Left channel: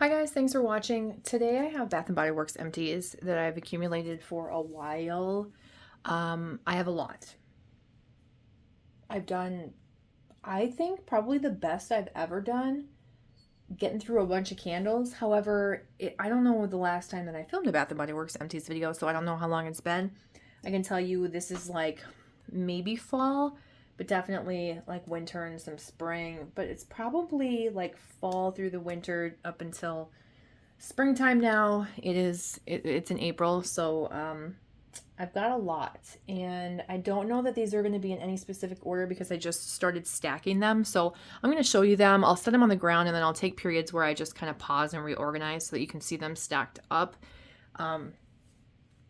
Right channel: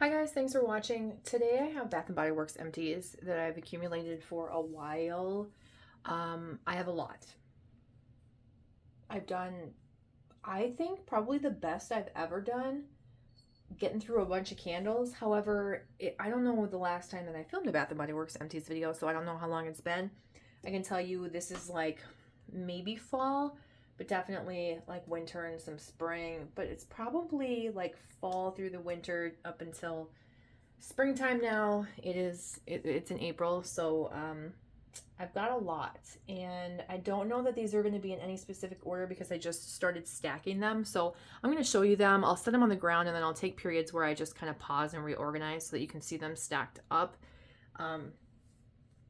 Hi guys, thanks for watching. Today I have Bath& Body Works Empties that I've accumulated for a while. I have a lot. I've done, I think, probably the best I've ever done getting through a bunch of candles. However, I don't know the last time that I filmed a Bath& Body Works Empties video, so I don't know how long it's been. I can tell you this is like maybe fall, but definitely like winter and some spring. But it's probably like fall through the winter up until springtime now. It's in April, so I've got a lot, and I don't know that these are going to be in any specific order because I just started stacking them. So I'm going to show you them. I'll set them on the ground, and then I'll take periods where I just kind of pause and reorganize so that you can see them stacked up,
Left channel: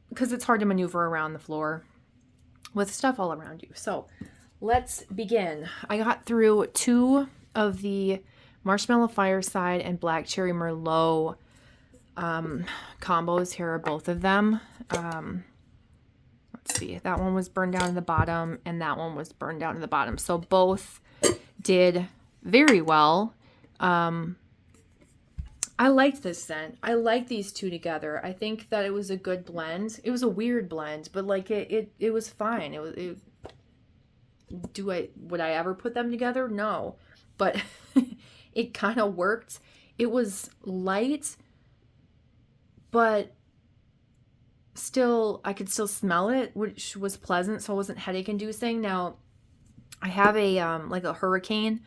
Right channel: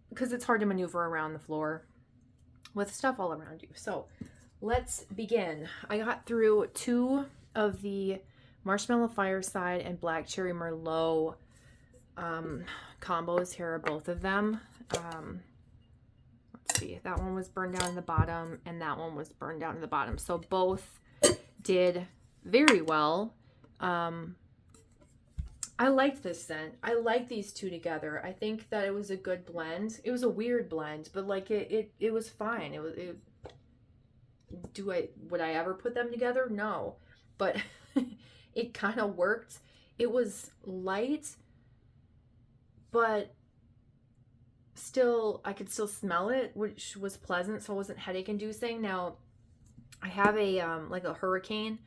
because it's hard to maneuver around the floor with stuff all around you. So let's begin. I got through two of the Marshmallow Fireside and Black Cherry Merlot combos. Here are both of them. Let's see, that one was burned down in the bottom and that one was burned down in the bottom, so both did very well. I liked this scent. I like these two together. I think that it was a good blend. It was a weird blend, but like it was fine. Would I ever put them together? No, but it kind of worked. It was light, but still, I could still smell it, which was pleasant, so it wasn't headache inducing. Now, I have a like a hurricane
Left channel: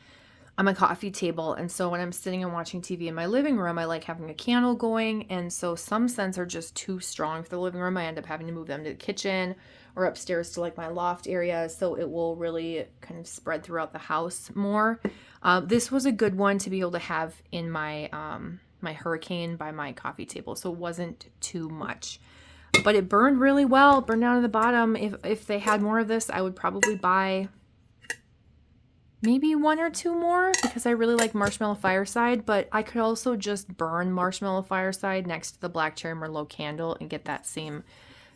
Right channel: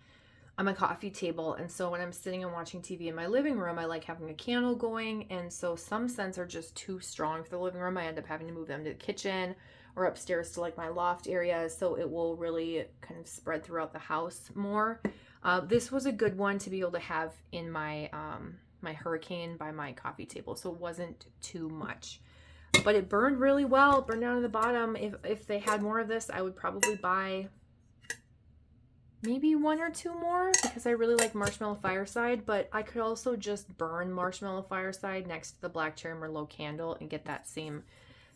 on my coffee table, and so when I'm sitting and watching TV in my living room, I like having a candle going, and so some scents are just too strong for the living room. I end up having to move them to the kitchen or upstairs to like my loft area, so it will really kind of spread throughout the house more. This was a good one to be able to have in my my hurricane by my coffee table, so it wasn't too much, but it burned really well. Burned down to the bottom. If they had more of this, I would probably buy maybe one or two more because I really like Marshmallow Fireside, but I could also just burn Marshmallow Fireside next to the Black Cherry Merlot candle and get that same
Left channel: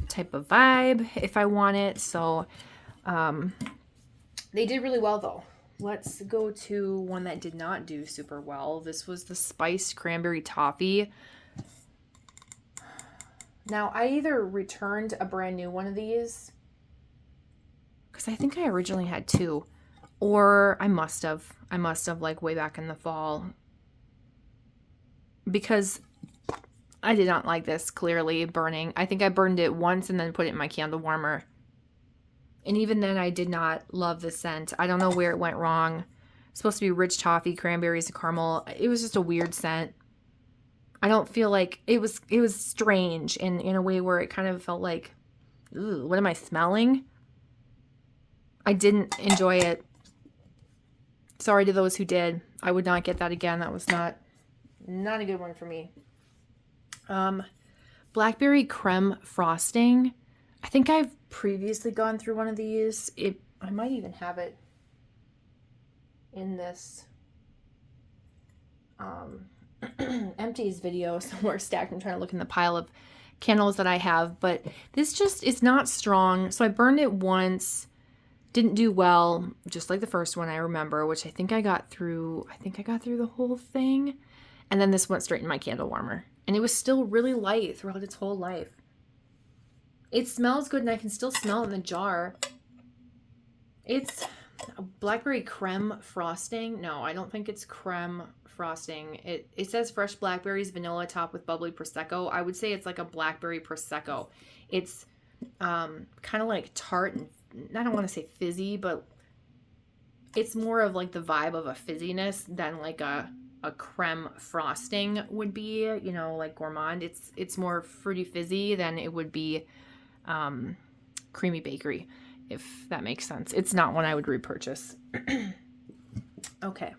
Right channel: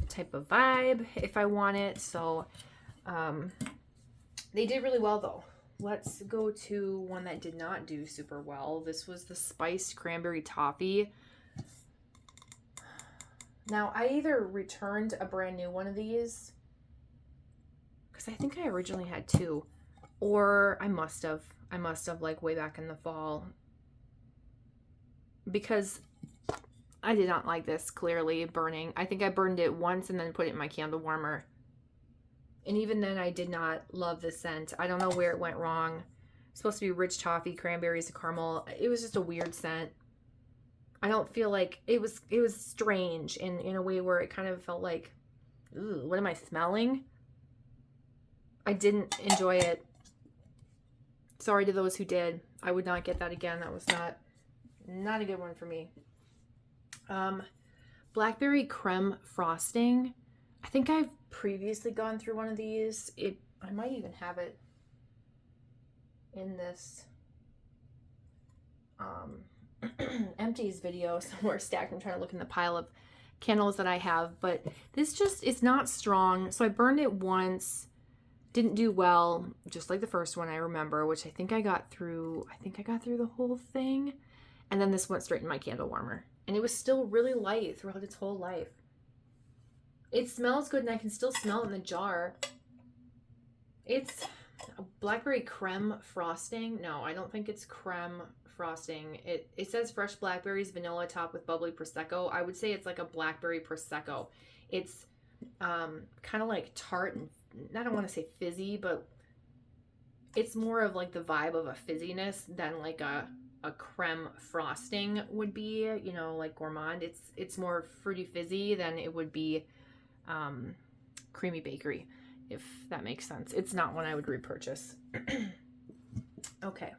type of vibe if I want it. So they did really well though. Let's go to one that did not do super well. This was the Spiced Cranberry Toffee. Now, I either returned a brand new one of these, because I think I originally had two, or I must have like way back in the fall, because I did not like this clearly burning. I think I burned it once and then put it in my candle warmer. And even then I did not love the scent. I don't know where it went wrong. It's supposed to be rich toffee, cranberries, caramel. It was just a weird scent. I don't feel like it was strange in a way where it kind of felt like, ooh, what am I smelling? I didn't enjoy it. Sorry to those who did. I would not get that again. That was not a good one for me. Blackberry creme frosting. I think I've previously gone through one of these. I might even have it in this empties video somewhere stacked. I'm trying to look in the pile of candles that I have, but this just is not strong. So I burned it once, didn't do well, just like the first one I remember, which I think I got through the whole thing. And then this went straight in my candle warmer, and it was still really light throughout its whole life. It smells good, and I can still smell it in the jar. It's a blackberry creme frosting. No, I don't think it's creme frosting. It says fresh blackberries, vanilla topped with bubbly prosecco. I would say it's like a blackberry prosecco. It's kind of like tart, and I don't want to say fizzy, but it's more of like the vibe of a fizziness than like a creme frosting would be, you know, like gourmand. It's more fruity fizzy than it would be creamy bakery, if that makes sense. It's not one I would repurchase. Okay.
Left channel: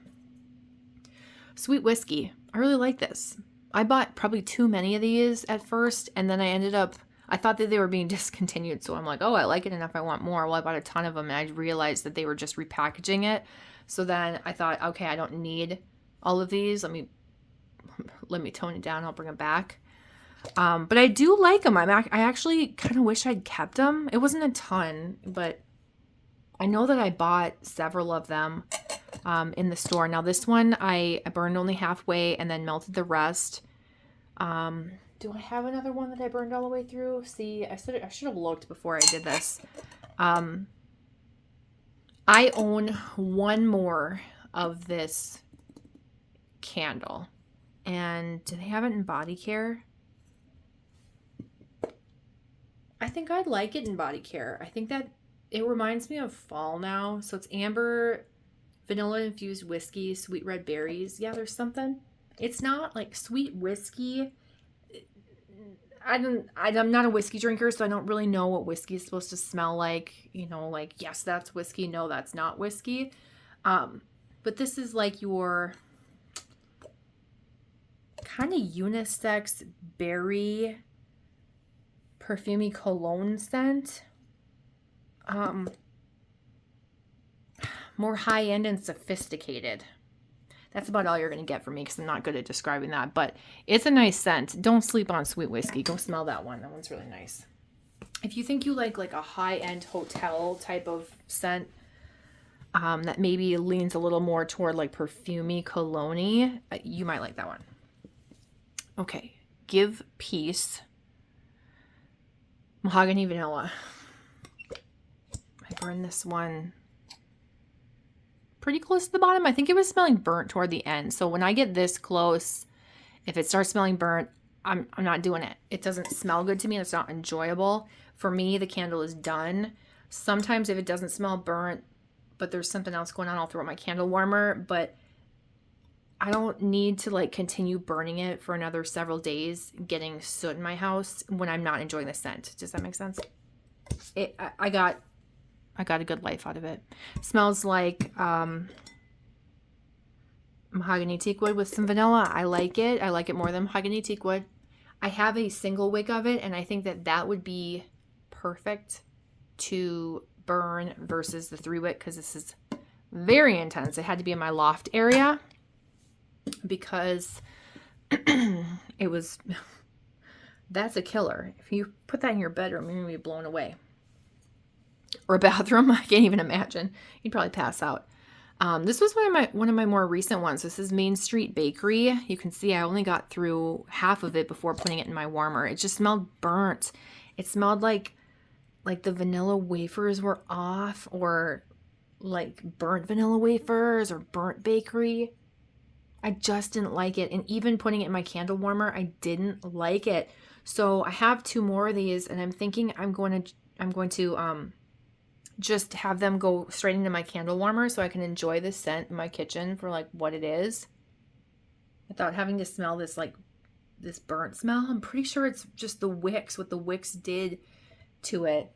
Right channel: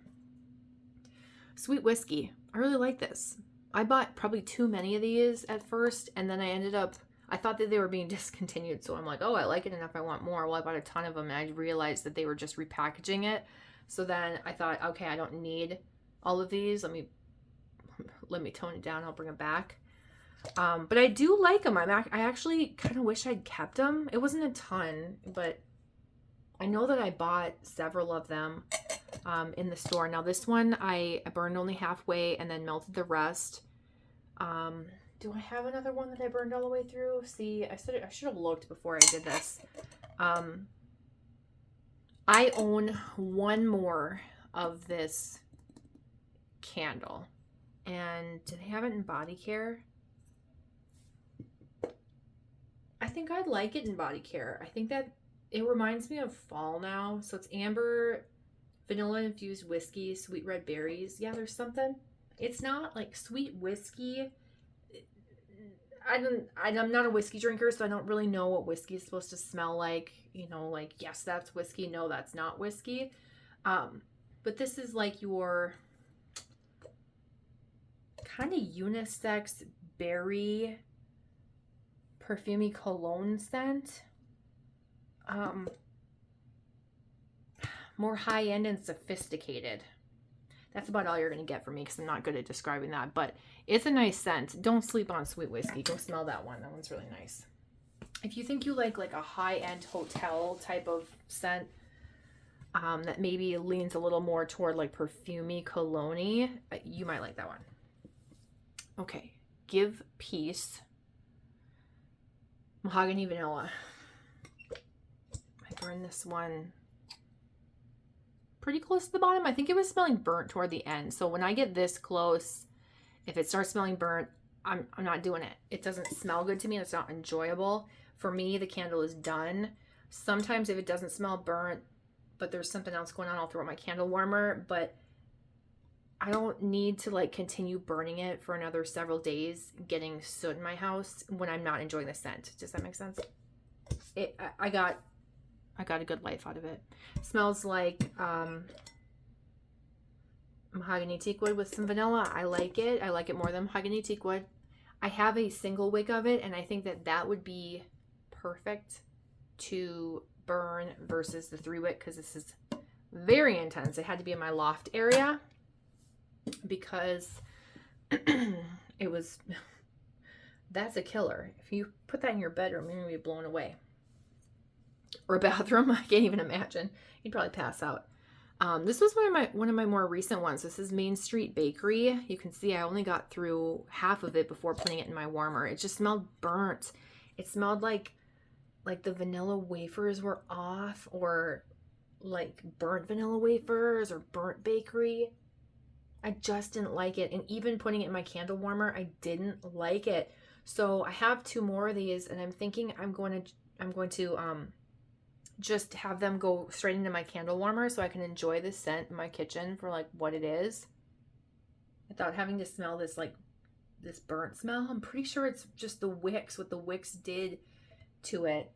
Sweet whiskey. I really like this. I bought probably too many of these at first, and then I thought that they were being discontinued, so I'm like, oh, I like it enough, I want more. Well, I bought a ton of them, and I realized that they were just repackaging it. So then I thought, okay, I don't need all of these. Let me tone it down. I'll bring them back. But I do like them. I actually kind of wish I'd kept them. It wasn't a ton, but I know that I bought several of them in the store. Now this one I burned only halfway and then melted the rest. Do I have another one that I burned all the way through? See, I should have looked before I did this. I own one more of this candle. And do they have it in body care? I think I'd like it in body care. I think that it reminds me of fall now. So it's amber, vanilla infused whiskey, sweet red berries. Yeah, there's something. It's not like sweet whiskey. I'm not a whiskey drinker, so I don't really know what whiskey is supposed to smell like. You know, like, yes, that's whiskey. No, that's not whiskey. But this is like your kind of unisex berry perfumey cologne scent. More high-end and sophisticated. That's about all you're going to get from me because I'm not good at describing that. But it's a nice scent. Don't sleep on sweet whiskey. Go smell that one. That one's really nice. If you think you like a high-end hotel type of scent that maybe leans a little more toward like perfumey cologne, you might like that one. Okay. Give Peace. Mahogany vanilla. I burned this one pretty close to the bottom. I think it was smelling burnt toward the end. So when I get this close, if it starts smelling burnt, I'm not doing it. It doesn't smell good to me. It's not enjoyable. For me, the candle is done. Sometimes if it doesn't smell burnt, but there's something else going on, I'll throw my candle warmer. But I don't need to like continue burning it for another several days, getting soot in my house when I'm not enjoying the scent. Does that make sense? I got a good life out of it. Smells like mahogany teakwood with some vanilla. I like it. I like it more than mahogany teakwood. I have a single wick of it, and I think that would be perfect to burn versus the 3-wick because this is very intense. It had to be in my loft area because it was, that's a killer. If you put that in your bedroom, you're going to be blown away. Or a bathroom. I can't even imagine. You'd probably pass out. This was one of my more recent ones. This is Main Street Bakery. You can see I only got through half of it before putting it in my warmer. It just smelled burnt. It smelled like the vanilla wafers were off, or like burnt vanilla wafers or burnt bakery. I just didn't like it. And even putting it in my candle warmer, I didn't like it. So I have 2 more of these, and I'm thinking I'm going to just have them go straight into my candle warmer so I can enjoy the scent in my kitchen for like what it is without having to smell this this burnt smell. I'm pretty sure it's just the wicks, what the wicks did to it.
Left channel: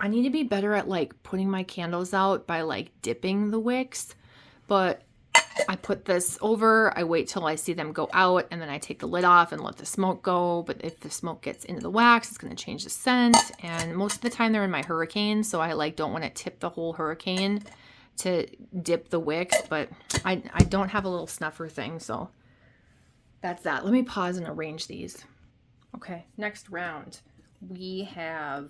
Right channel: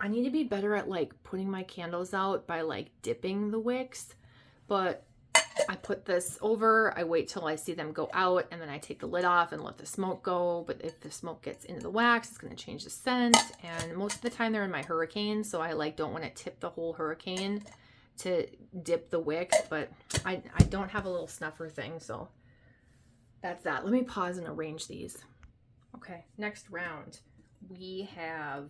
I need to be better at like putting my candles out by like dipping the wicks, but I put this over, I wait till I see them go out, and then I take the lid off and let the smoke go. But if the smoke gets into the wax, it's going to change the scent. And most of the time they're in my Hurricane, so I like don't want to tip the whole Hurricane to dip the wicks. But I don't have a little snuffer thing, so that's that. Let me pause and arrange these. Okay, next round. We have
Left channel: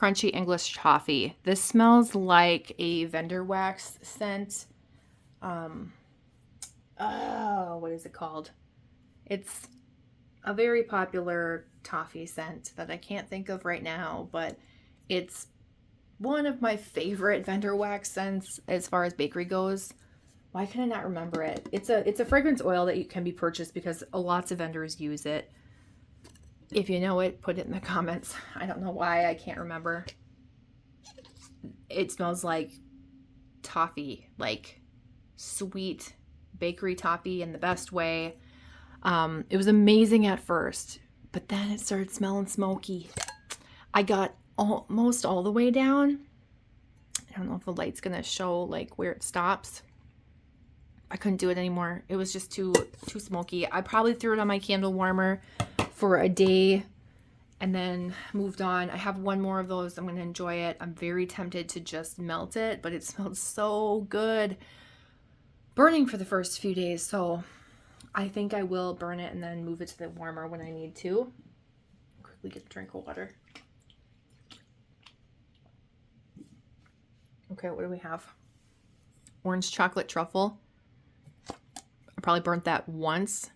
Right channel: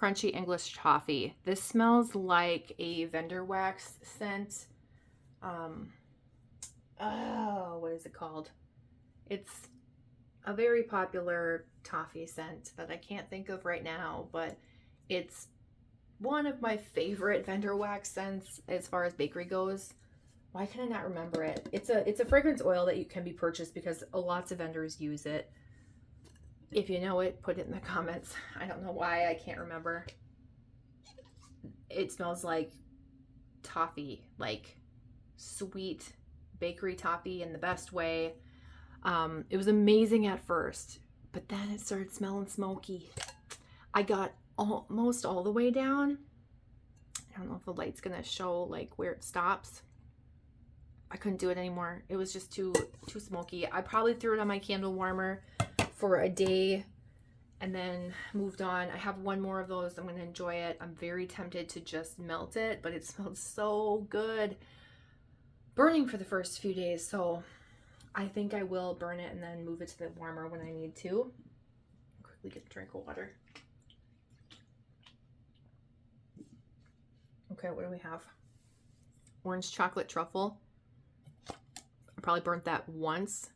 Crunchy English Toffee. This smells like a vendor wax scent. What is it called? It's a very popular toffee scent that I can't think of right now, but it's one of my favorite vendor wax scents as far as bakery goes. Why can I not remember it? It's a fragrance oil that can be purchased because lots of vendors use it. If you know it, put it in the comments. I don't know why I can't remember. It smells like toffee, like sweet bakery toffee in the best way. It was amazing at first, but then it started smelling smoky. I got almost all the way down. I don't know if the light's gonna show like where it stops. I couldn't do it anymore. It was just too smoky. I probably threw it on my candle warmer for a day and then moved on. I have one more of those. I'm gonna enjoy it. I'm very tempted to just melt it, but it smelled so good burning for the first few days, so I think I will burn it and then move it to the warmer when I need to. Quickly get a drink of water. Okay, what do we have? Orange chocolate truffle. I probably burnt that once.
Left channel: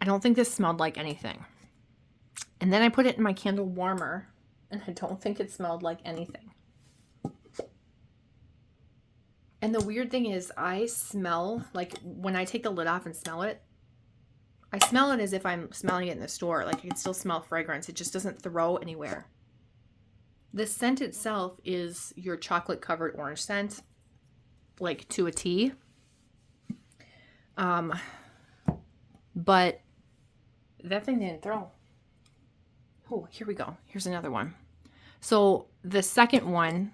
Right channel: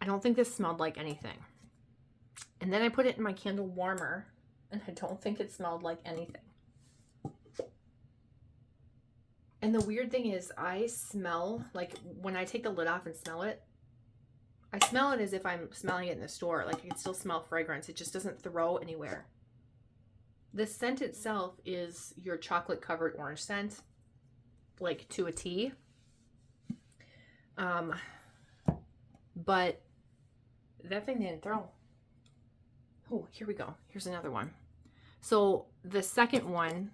I don't think this smelled like anything. And then I put it in my candle warmer, and I don't think it smelled like anything. And the weird thing is, I smell, like when I take the lid off and smell it, I smell it as if I'm smelling it in the store. Like I can still smell fragrance. It just doesn't throw anywhere. The scent itself is your chocolate covered orange scent, like to a T. But that thing didn't throw. Oh, here we go. Here's another one. So the second one,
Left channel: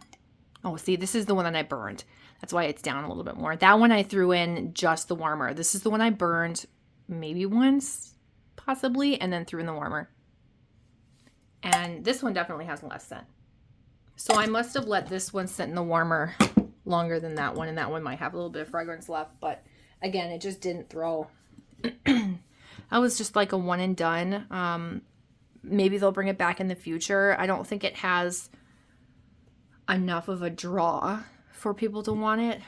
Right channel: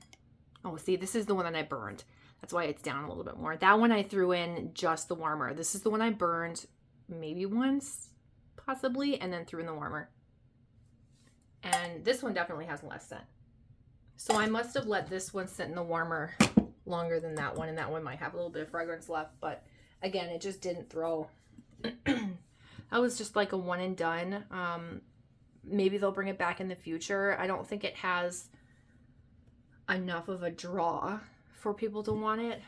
oh, see, this is the one that I burned. That's why it's down a little bit more. That one I threw in just the warmer. This is the one I burned maybe once, possibly, and then threw in the warmer. And this one definitely has less scent. So I must have let this one sit in the warmer longer than that one, and that one might have a little bit of fragrance left. But again, it just didn't throw. That was just like a one and done. Maybe they'll bring it back in the future. I don't think it has enough of a draw for people to want it,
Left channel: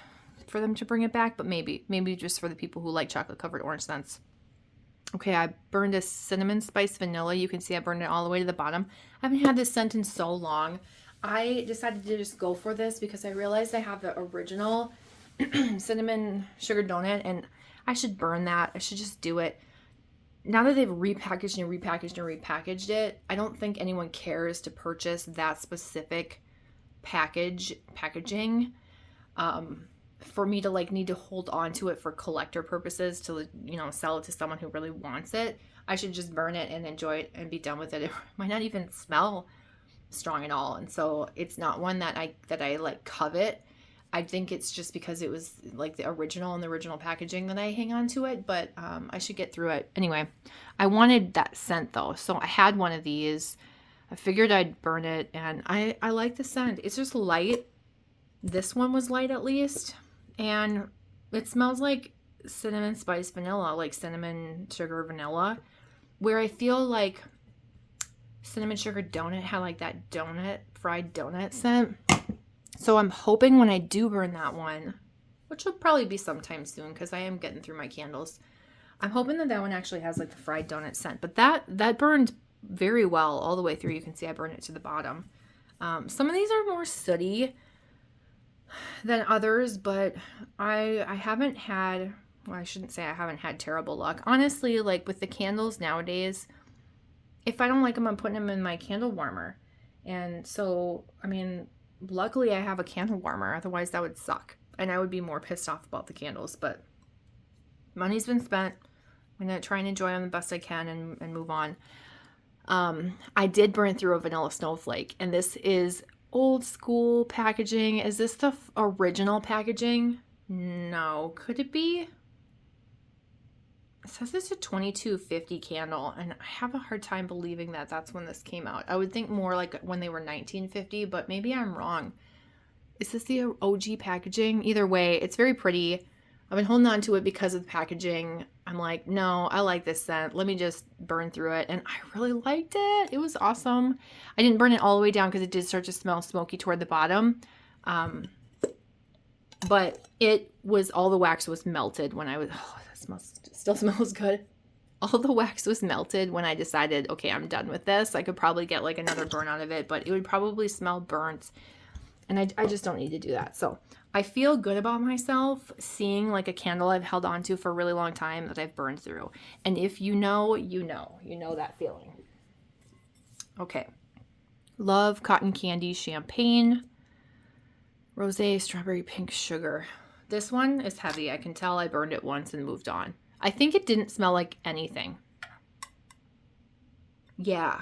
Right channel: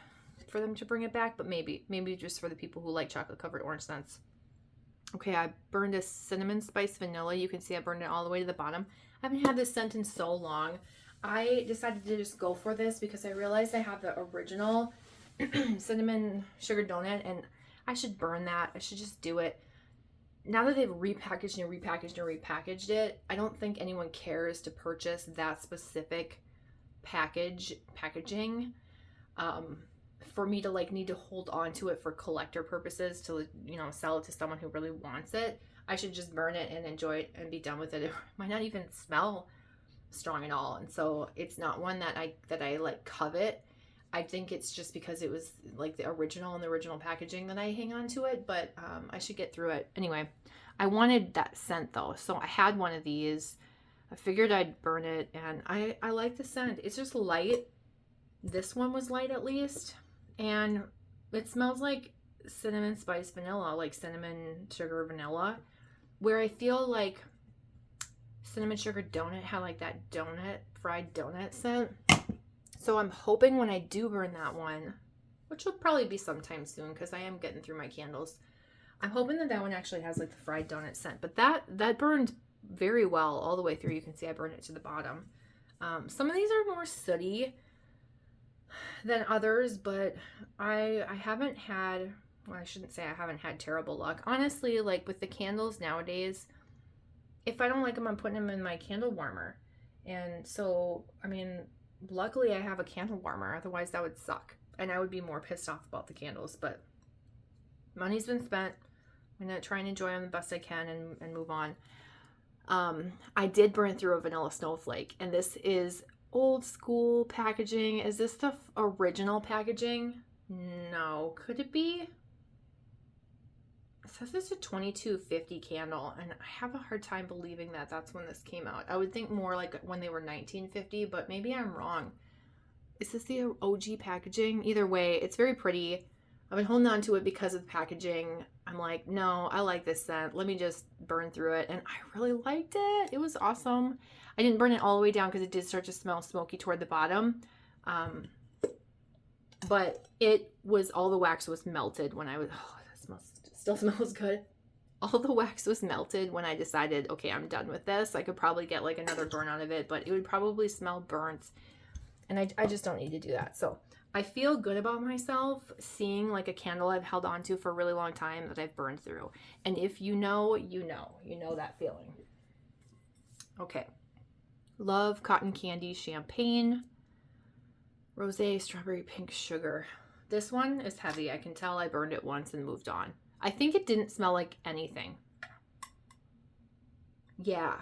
for them to bring it back, but maybe just for the people who like chocolate covered orange scents. Okay, I burned a cinnamon spice vanilla. You can see I burned it all the way to the bottom. I haven't had this scent in so long. I decided to just go for this because I realized I have the original cinnamon sugar donut, and I should burn that. I should just do it. Now that they've repackaged and repackaged and repackaged it, I don't think anyone cares to purchase that specific packaging for me to like need to hold on to it for collector purposes to, you know, sell it to someone who really wants it. I should just burn it and enjoy it and be done with it. It might not even smell strong at all, and so it's not one that I like covet. I think it's just because it was like the original and the original packaging that I hang on to it, but I should get through it. Anyway, I wanted that scent though, so I had one of these. I figured I'd burn it, and I like the scent. It's just light. This one was light at least, and it smells like cinnamon spice vanilla, like cinnamon sugar vanilla, where I feel like cinnamon sugar donut had like that donut, fried donut scent. So I'm hoping when I do burn that one, which will probably be sometime soon because I am getting through my candles, I'm hoping that that one actually has like the fried donut scent. But that burned very well all the way through. You can see I burned it to the bottom. Some of these are more sooty than others, but I haven't had, well, I shouldn't say I haven't had terrible luck. Honestly, like with the candles nowadays, if I don't like them, I'm putting them in my candle warmer. And so, I mean, luckily I have a candle warmer, otherwise that would suck. And I would be more pissed off about the candles, but money's been spent. I'm going to try and enjoy them the best I can and move on. I did burn through a vanilla snowflake, and this is old school packaging. Is this the original packaging? No. Could it be? It says it's a 2250 candle, and I have a hard time believing that that's when this came out. I would think more like when they were 1950, but maybe I'm wrong. Is this the OG packaging? Either way, it's very pretty. I've been holding on to it because of the packaging. I'm like, no, I like this scent. Let me just burn through it. And I really liked it. It was awesome. I didn't burn it all the way down because it did start to smell smoky toward the bottom. But it was, all the wax was melted when I was, oh, that still smells good. All the wax was melted when I decided, okay, I'm done with this. I could probably get like another burn out of it, but it would probably smell burnt. And I just don't need to do that. So I feel good about myself seeing like a candle I've held on to for a really long time that I've burned through. And if you know, you know that feeling. Okay. Love Cotton Candy Champagne. Rosé Strawberry Pink Sugar. This one is heavy. I can tell I burned it once and moved on. I think it didn't smell like anything. Yeah.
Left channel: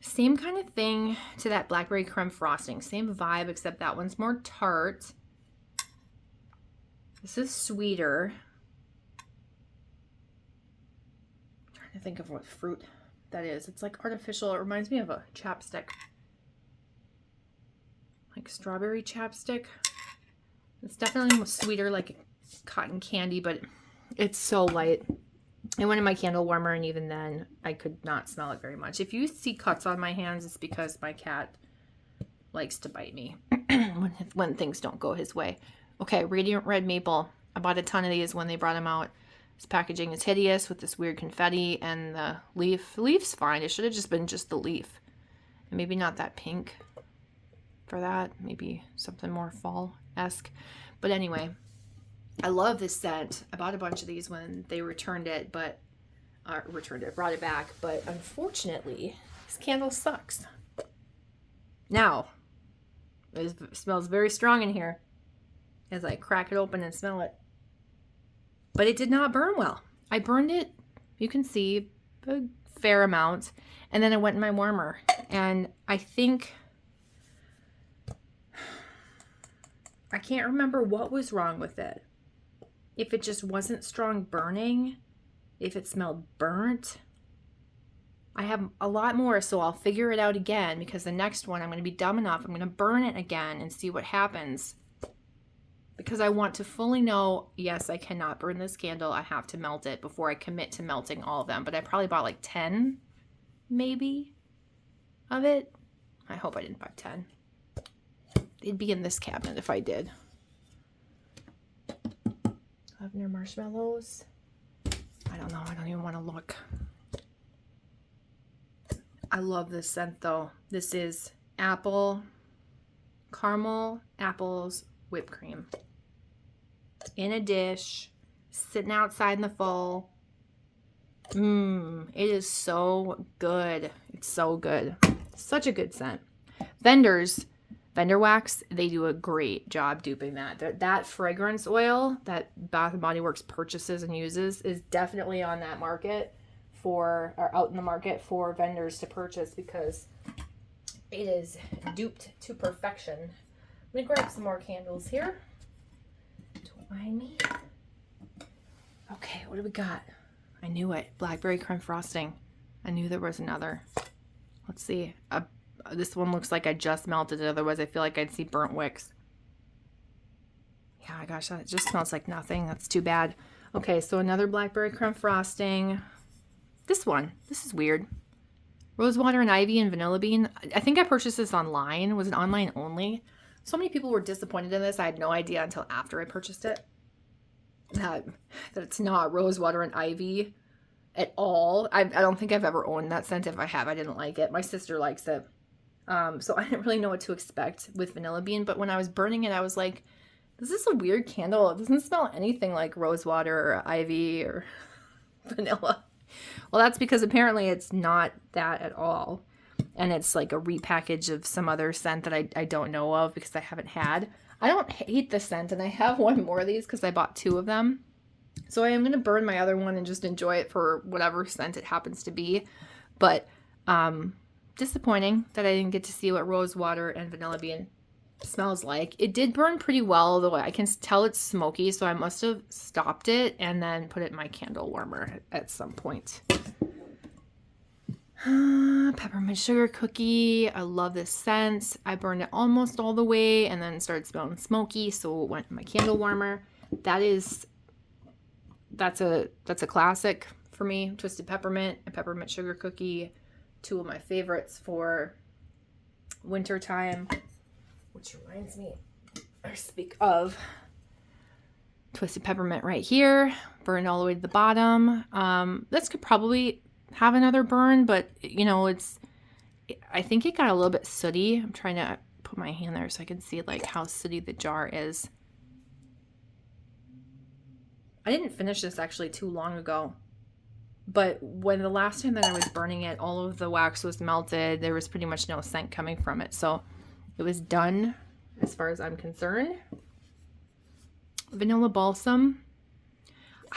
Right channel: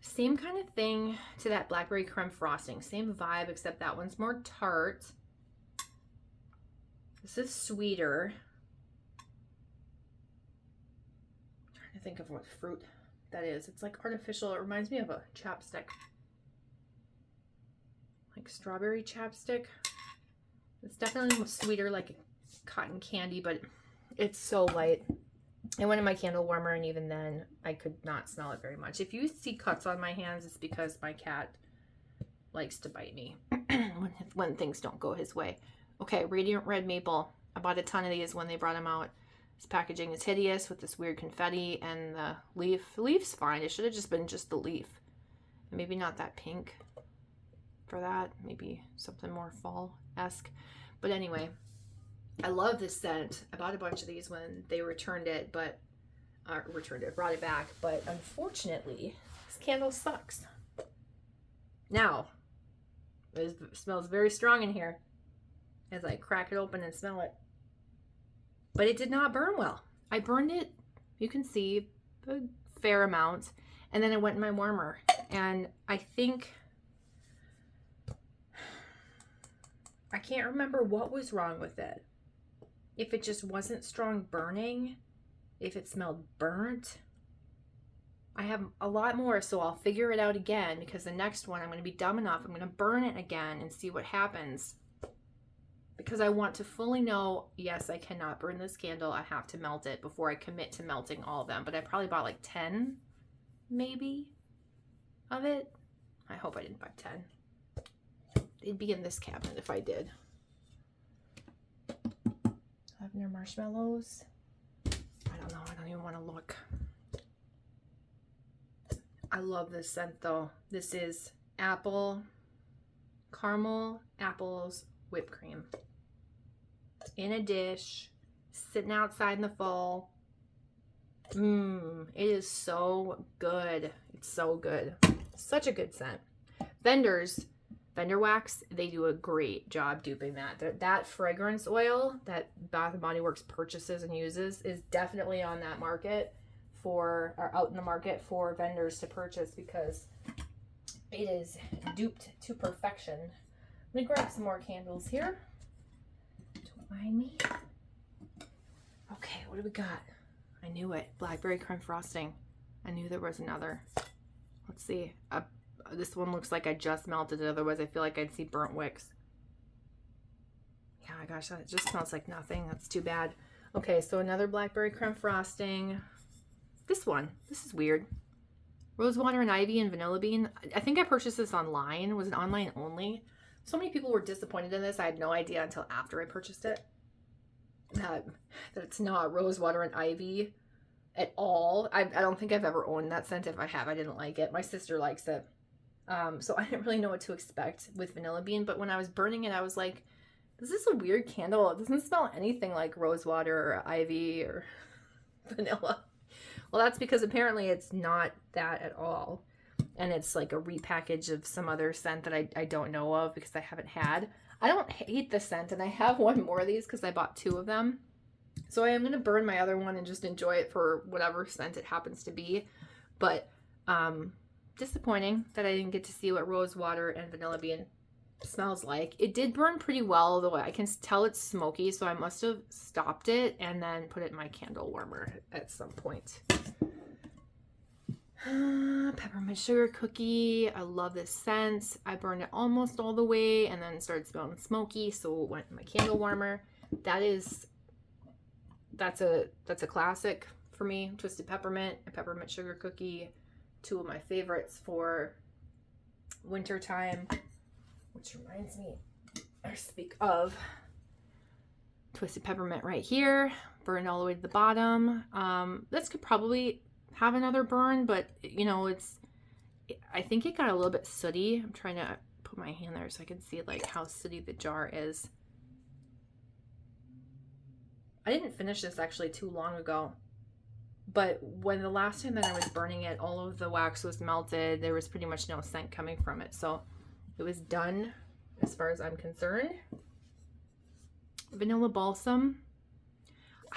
Same kind of thing to that blackberry creme frosting. Same vibe, except that one's more tart. This is sweeter. I'm trying to think of what fruit that is. It's like artificial. It reminds me of a chapstick. Like strawberry chapstick. It's definitely sweeter, like cotton candy, but it's so light. I went in my candle warmer, and even then I could not smell it very much. If you see cuts on my hands, it's because my cat likes to bite me when things don't go his way. Okay, Radiant Red Maple. I bought a ton of these when they brought them out. This packaging is hideous with this weird confetti and the leaf. The leaf's fine. It should have just been just the leaf. And maybe not that pink for that. Maybe something more fall-esque. But anyway, I love this scent. I bought a bunch of these when they returned it, but brought it back. But unfortunately, this candle sucks. Now, it smells very strong in here as I crack it open and smell it. But it did not burn well. I burned it, you can see, a fair amount. And then I went in my warmer. And I think, I can't remember what was wrong with it. If it just wasn't strong burning, if it smelled burnt. I have a lot more, so I'll figure it out again, because the next one I'm going to be dumb enough. I'm going to burn it again and see what happens. Because I want to fully know, yes, I cannot burn this candle. I have to melt it before I commit to melting all of them. But I probably bought like 10, maybe, of it. I hope I didn't buy 10. They'd be in this cabinet if I did. Lavender marshmallows. I don't know. I don't even want to look. I love this scent though. This is apple, caramel, apples, whipped cream. In a dish, sitting outside in the fall. It is so good. It's so good. Such a good scent. Vendor Wax, they do a great job duping that. That fragrance oil that Bath & Body Works purchases and uses is definitely on that market or out in the market for vendors to purchase, because it is duped to perfection. Let me grab some more candles here. Don't mind me. Okay, what do we got? I knew it. Blackberry creme frosting. I knew there was another. Let's see. This one looks like I just melted it. Otherwise, I feel like I'd see burnt wicks. Yeah, gosh, that just smells like nothing. That's too bad. Okay, so another blackberry creme frosting. This one. This is weird. Rosewater and ivy and vanilla bean. I think I purchased this online. Was it online only? So many people were disappointed in this. I had no idea until after I purchased it that it's not rosewater and ivy at all. I don't think I've ever owned that scent. If I have, I didn't like it. My sister likes it. So I didn't really know what to expect with vanilla bean. But when I was burning it, I was like, this is a weird candle. It doesn't smell anything like rosewater or ivy or vanilla. Well, that's because apparently it's not that at all. And it's like a repackage of some other scent that I don't know of because I haven't had. I don't hate the scent, and I have one more of these because I bought 2 of them. So I am going to burn my other one and just enjoy it for whatever scent it happens to be. But disappointing that I didn't get to see what rosewater and vanilla bean smells like. It did burn pretty well, though I can tell it's smoky, so I must have stopped it and then put it in my candle warmer at some point. Peppermint sugar cookie. I love this scent. I burned it almost all the way and then started smelling smoky, so it went in my candle warmer. That's a classic for me. Twisted peppermint and peppermint sugar cookie, 2 of my favorites for winter time. Which reminds me, or speak of, twisted peppermint right here, burned all the way to the bottom. This could probably have another burn, but you know, I think it got a little bit sooty. I'm trying to put my hand there so I can see like how sooty the jar is. I didn't finish this actually too long ago, but when the last time that I was burning it, all of the wax was melted. There was pretty much no scent coming from it, so it was done as far as I'm concerned. Vanilla balsam.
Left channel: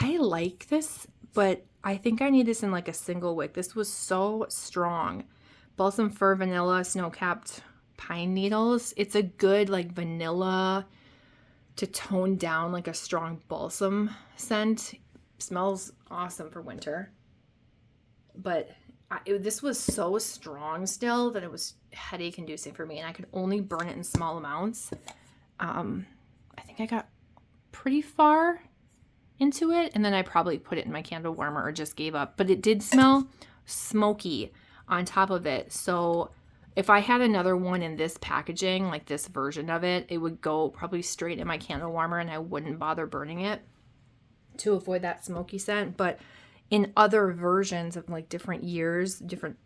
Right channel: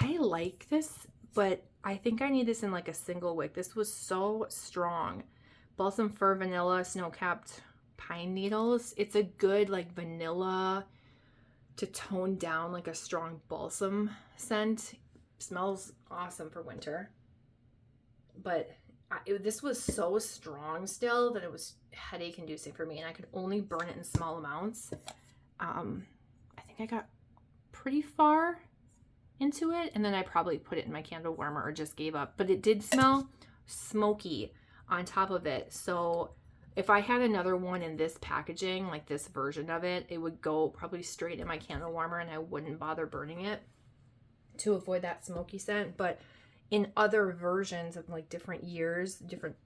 I like this, but I think I need this in like a single wick. This was so strong. Balsam fir, vanilla, snow-capped pine needles. It's a good like vanilla to tone down like a strong balsam scent. Smells awesome for winter. But this was so strong still that it was headache inducing for me, and I could only burn it in small amounts. I think I got pretty far into it, and then I probably put it in my candle warmer or just gave up. But it did smell smoky on top of it, so If I had another one in this packaging, like this version of it, it would go probably straight in my candle warmer and I wouldn't bother burning it to avoid that smoky scent. But in other versions of like different years, different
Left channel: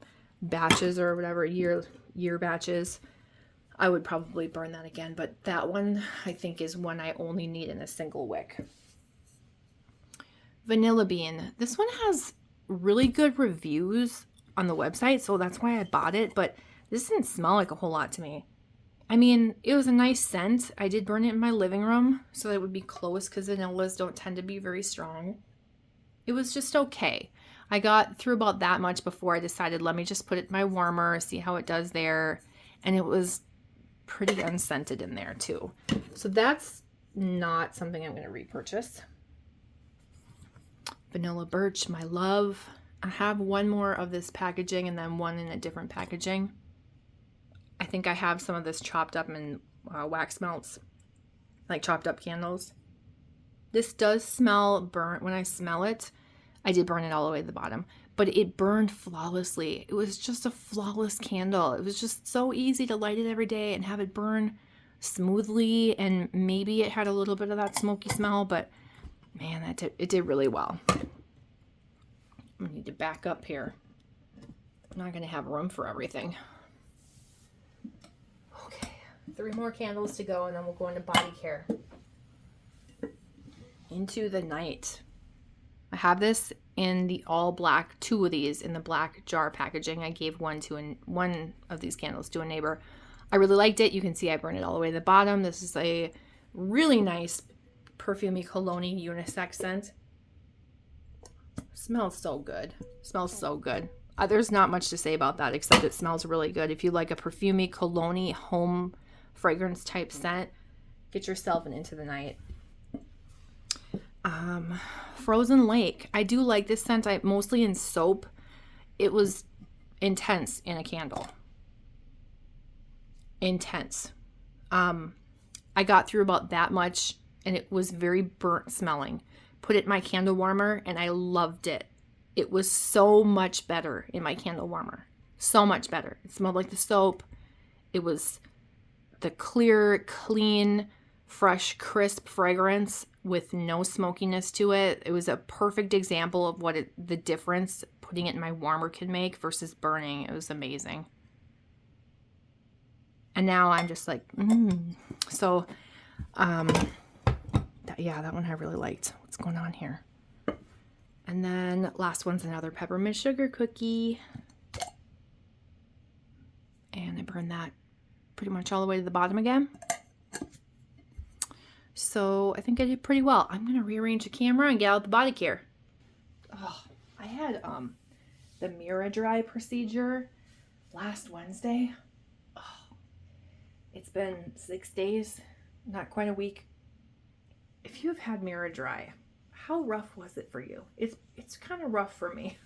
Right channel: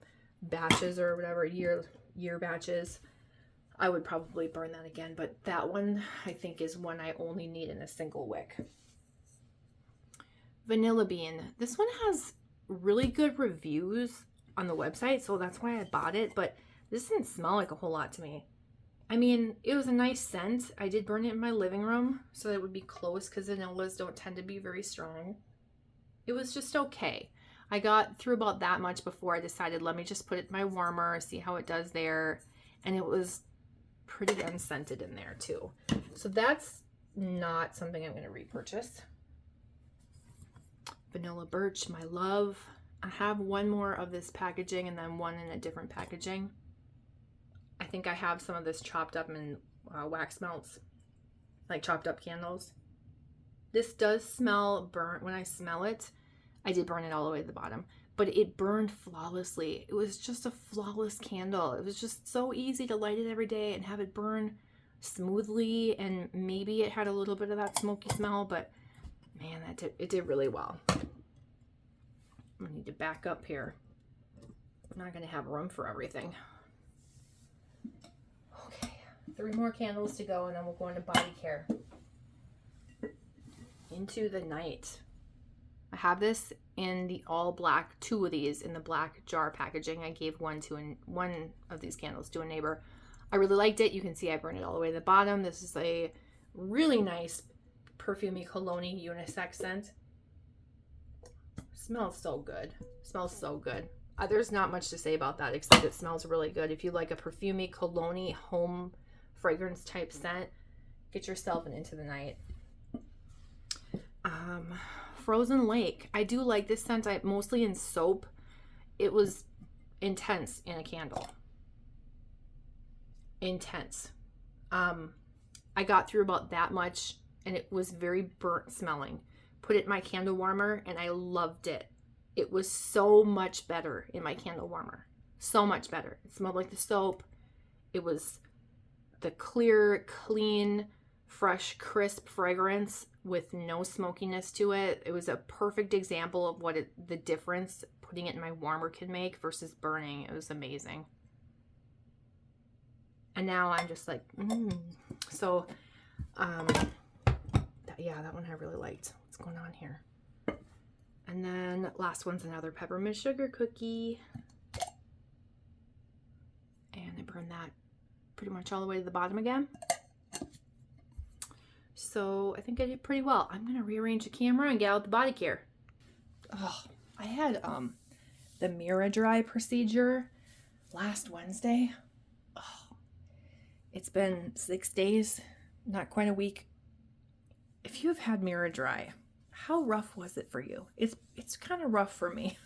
batches or whatever, year batches, I would probably burn that again. But that one I think is one I only need in a single wick. Vanilla Bean. This one has really good reviews on the website, so that's why I bought it, but this didn't smell like a whole lot to me. I mean, it was a nice scent. I did burn it in my living room so that it would be close because vanillas don't tend to be very strong. It was just okay. I got through about that much before I decided, let me just put it in my warmer, see how it does there. And it was pretty unscented in there too. So that's not something I'm going to repurchase. Vanilla Birch, my love. I have one more of this packaging and then one in a different packaging. I think I have some of this chopped up in wax melts, like chopped up candles. This does smell burnt when I smell it. I did burn it all the way to the bottom, but it burned flawlessly. It was just a flawless candle. It was just so easy to light it every day and have it burn smoothly, and maybe it had a little bit of that smoky smell, but man, it did really well. I need to back up here. I'm not going to have room for everything. Okay, 3 more candles to go and then we'll go into body care. Into the Night. I have this in the all black, 2 of these in the black jar packaging. I gave one of these candles to a neighbor. I really liked it. You can see I burned it all the way to the bottom. This is a really nice perfumey cologne unisex scent. Smells so good. Smells so good. There's not much to say about that except it smells really good. If you like a perfumey cologne home fragrance type scent, get yourself an Into the Night. Frozen Lake. I do like this scent. Mostly in soap. It was intense in a candle. Intense. I got through about that much and it was very burnt smelling. Put it in my candle warmer and I loved it. It was so much better in my candle warmer. So much better. It smelled like the soap. It was the clear, clean, fresh, crisp fragrance with no smokiness to it. It was a perfect example of what the difference putting it in my warmer can make versus burning. It was amazing. And now I'm just like, So, yeah, that one I really liked. What's going on here? And then last one's another peppermint sugar cookie. And I burned that pretty much all the way to the bottom again. So I think I did pretty well. I'm going to rearrange the camera and get out the body care. Oh, I had the Mira Dry procedure last Wednesday. Oh, it's been 6 days, not quite a week. If you've had Mira Dry, how rough was it for you? It's kind of rough for me.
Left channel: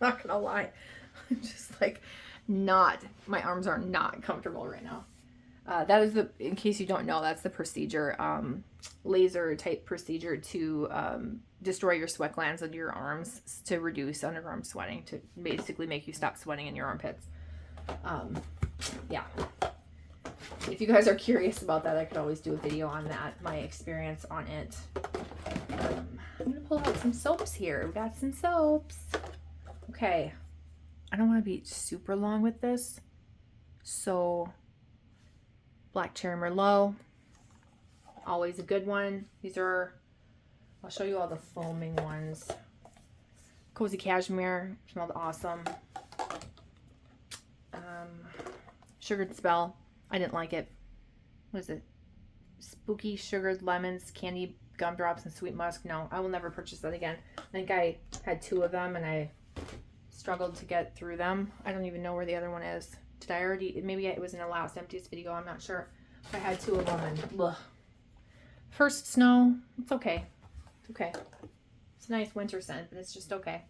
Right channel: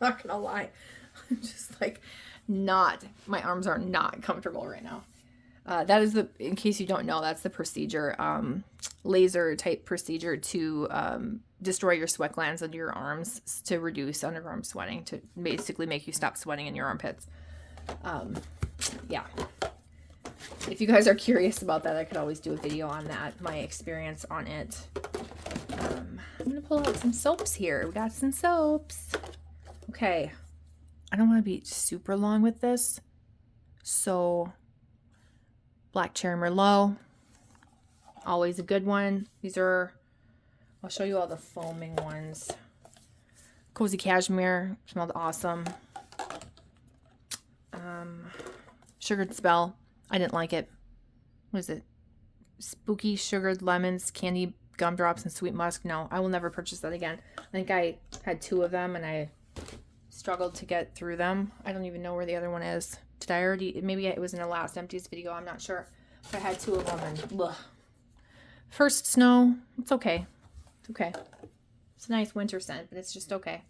Not gonna lie. I'm just like my arms are not comfortable right now. That is in case you don't know, that's the procedure, laser type procedure to destroy your sweat glands under your arms to reduce underarm sweating, to basically make you stop sweating in your armpits. Yeah. If you guys are curious about that, I could always do a video on that, my experience on it. I'm going to pull out some soaps here. We've got some soaps. Okay. I don't want to be super long with this. So, Black Cherry Merlot. Always a good one. These are, I'll show you all the foaming ones. Cozy Cashmere. Smelled awesome. Sugared Spell. I didn't like it. What is it? Spooky Sugared Lemons, Candy Gumdrops, and Sweet Musk. No, I will never purchase that again. I think I had 2 of them and I struggled to get through them. I don't even know where the other one is. Did I already? Maybe it was in the last Empties video. I'm not sure. But I had 2 of them and ugh. First Snow. It's okay. It's okay. It's a nice winter scent, but it's just okay.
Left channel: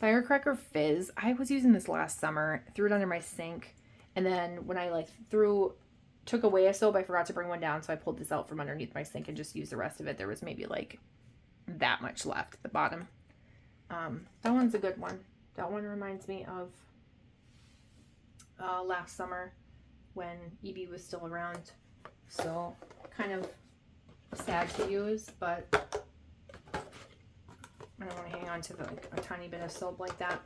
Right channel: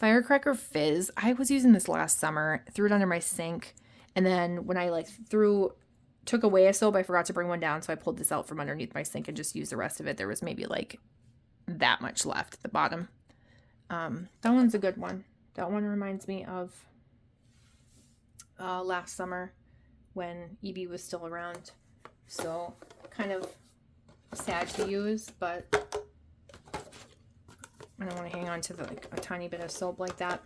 Firecracker Fizz. I was using this last summer. Threw it under my sink. And then when I took away a soap, I forgot to bring one down. So I pulled this out from underneath my sink and just used the rest of it. There was maybe like that much left at the bottom. That one's a good one. That one reminds me of last summer when EB was still around. So kind of sad to use, but I don't want to hang on to like a tiny bit of soap like that.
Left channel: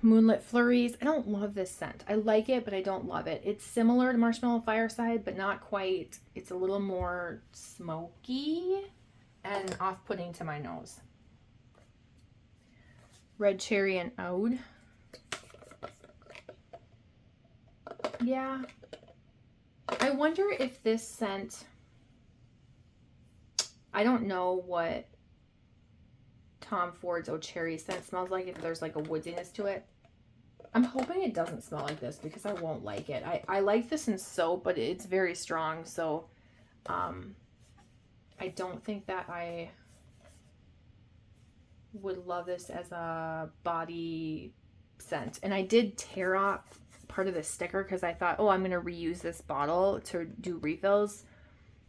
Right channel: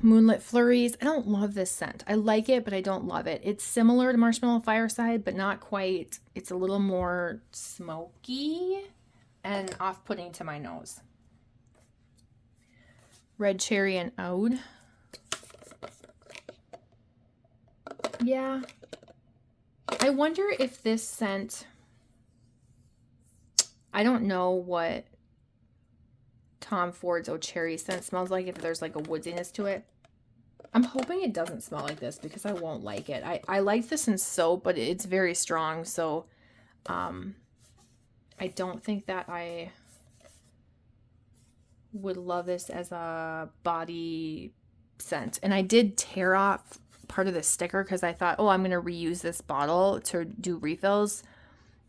Moonlit Flurries. I don't love this scent. I like it, but I don't love it. It's similar to Marshmallow Fireside, but not quite. It's a little more smoky and off-putting to my nose. Red Cherry and Oud. Yeah. I wonder if this scent, I don't know what Tom Ford's Eau Cherry scent smells like, if there's like a woodiness to it. I'm hoping it doesn't smell like this because I won't like it. I like this in soap, but it's very strong, so I don't think that I would love this as a body scent. And I did tear off part of the sticker because I thought, oh, I'm going to reuse this bottle to do refills.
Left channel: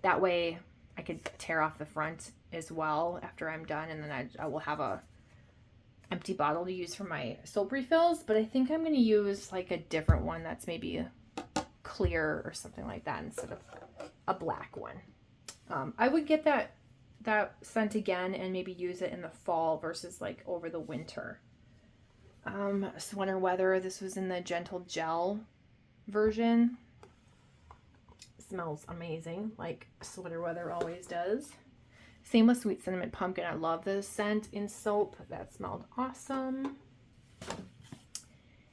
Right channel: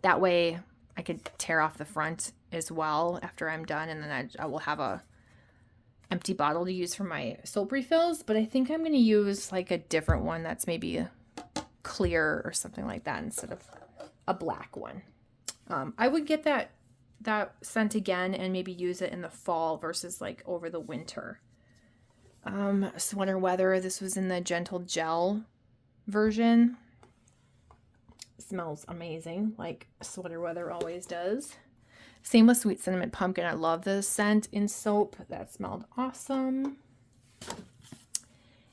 That way I could tear off the front as well after I'm done, and then I will have a empty bottle to use for my soap refills. But I think I'm going to use like a different one that's maybe clear or something like that instead of a black one. I would get that scent again and maybe use it in the fall versus like over the winter. Sweater Weather, this was in the Gentle Gel version. Smells amazing, like Sweater Weather always does. Same with Sweet Cinnamon Pumpkin. I love the scent in soap. That smelled awesome.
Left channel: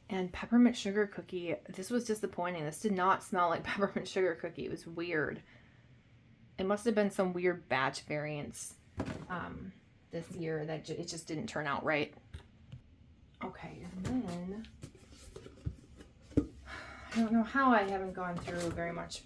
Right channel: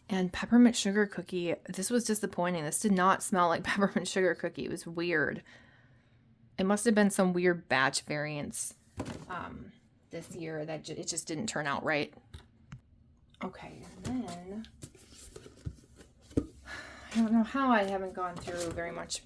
And Peppermint Sugar Cookie. This was disappointing. This did not smell like Peppermint Sugar Cookie. It was weird. It must have been some weird batch variants this year that it just didn't turn out right. Okay, and then I don't know how I haven't gone through very much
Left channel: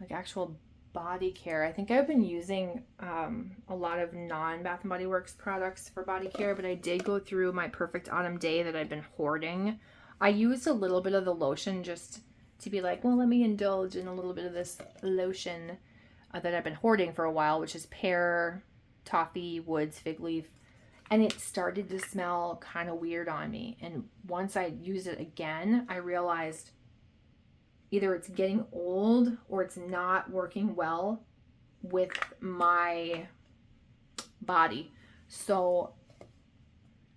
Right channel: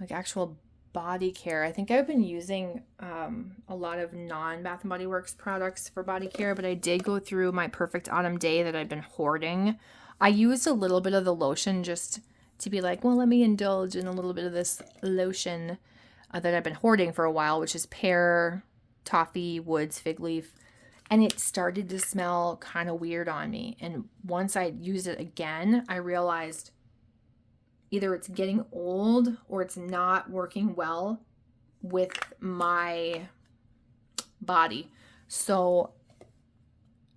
like actual body care. I think I've been using a lot of non-Bath & Body Works products for body care, but I did go through my Perfect Autumn Day that I've been hoarding. I used a little bit of the lotion just to be like, well, let me indulge in a little bit of this lotion that I've been hoarding for a while, which is pear, toffee, woods, fig leaf. And it started to smell kind of weird on me. And once I used it again, I realized either it's getting old or it's not working well with my body. So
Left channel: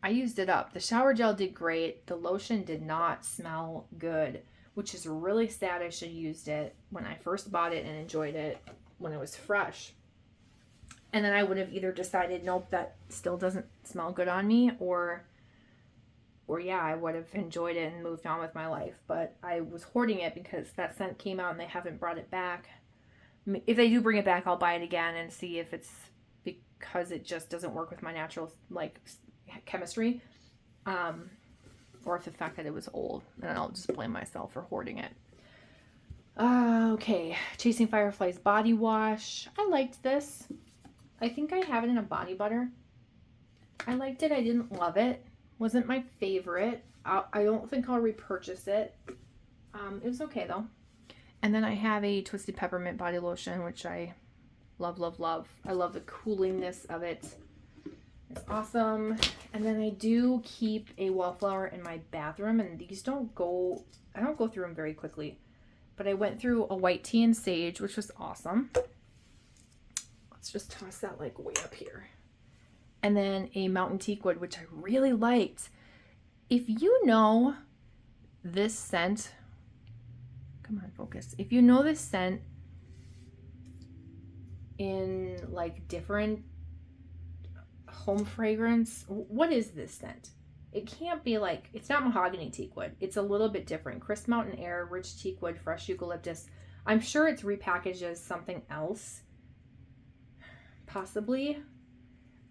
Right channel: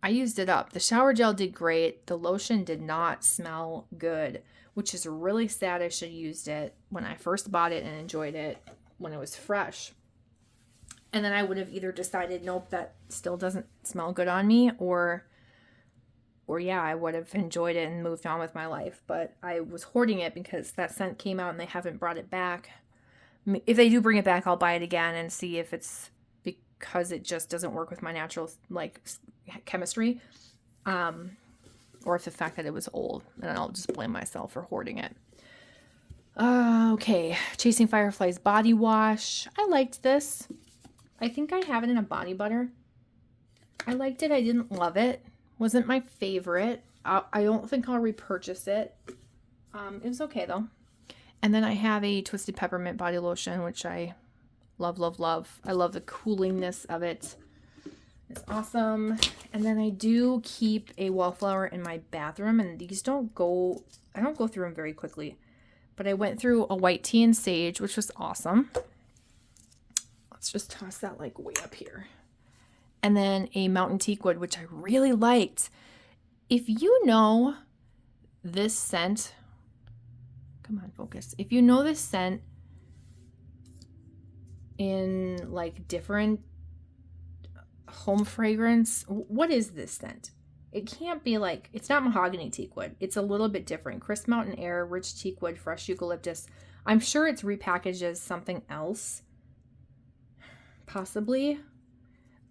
I used it up. The shower gel did great. The lotion did not smell good, which is really sad. I should have used it when I first bought it and enjoyed it when it was fresh. And then I would have either decided, nope, that still doesn't smell good on me, or yeah, I would have enjoyed it and moved on with my life. But I was hoarding it because that scent came out and they haven't brought it back. If they do bring it back, I'll buy it again and see if it's because it just doesn't work with my natural like chemistry, or if the fact that it was old, and I'll just blame myself for hoarding it. Okay, Chasing Fireflies body wash. I liked this. I think I have it in a body butter. I liked it. I didn't love it. Wasn't my favorite. I don't think I'll repurchase it. It was okay though. And then I have a Twisted Peppermint body lotion, which I love, love, love. I love the coolingness of it. It's awesome. And then I do keep a wallflower in my bathroom, and these I don't go through them very quickly. But I went through a white tea and sage, which was awesome. Let's just toss that like way up here. And then a mountain teakwood, which I really liked. If you know this scent, come on, focus. If you know this scent in like different home fragrance, what is this scent? It can't be like, it's not mahogany teakwood. It's a little bit different. Crisp mountain air, rich teakwood, fresh eucalyptus. I'm sure it's repackaged as something else, possibly,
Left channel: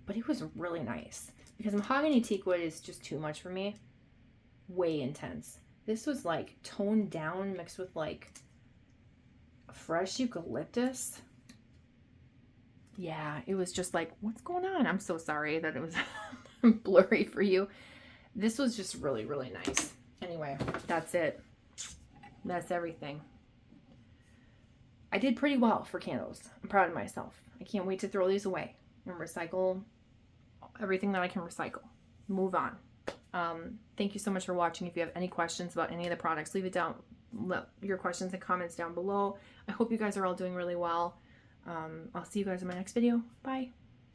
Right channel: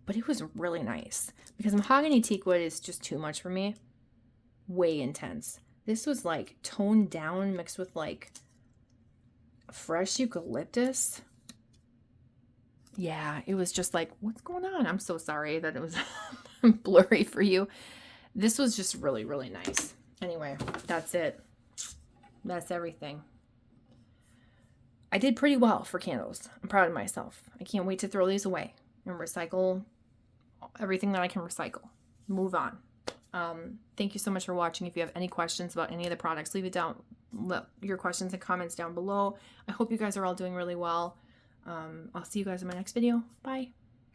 but it was really nice because mahogany teakwood is just too much for me. Way intense. This was like toned down, mixed with like fresh eucalyptus. Yeah, it was just like, what's going on? I'm so sorry that it was blurry for you. This was just really, really nice. Anyway, that's it. That's everything. I did pretty well for candles. I'm proud of myself. I can't wait to throw these away and recycle everything that I can recycle. Move on. Thank you so much for watching. If you have any questions about any of the products, leave your questions and comments down below. I hope you guys are all doing really well. I'll see you guys in my next video. Bye.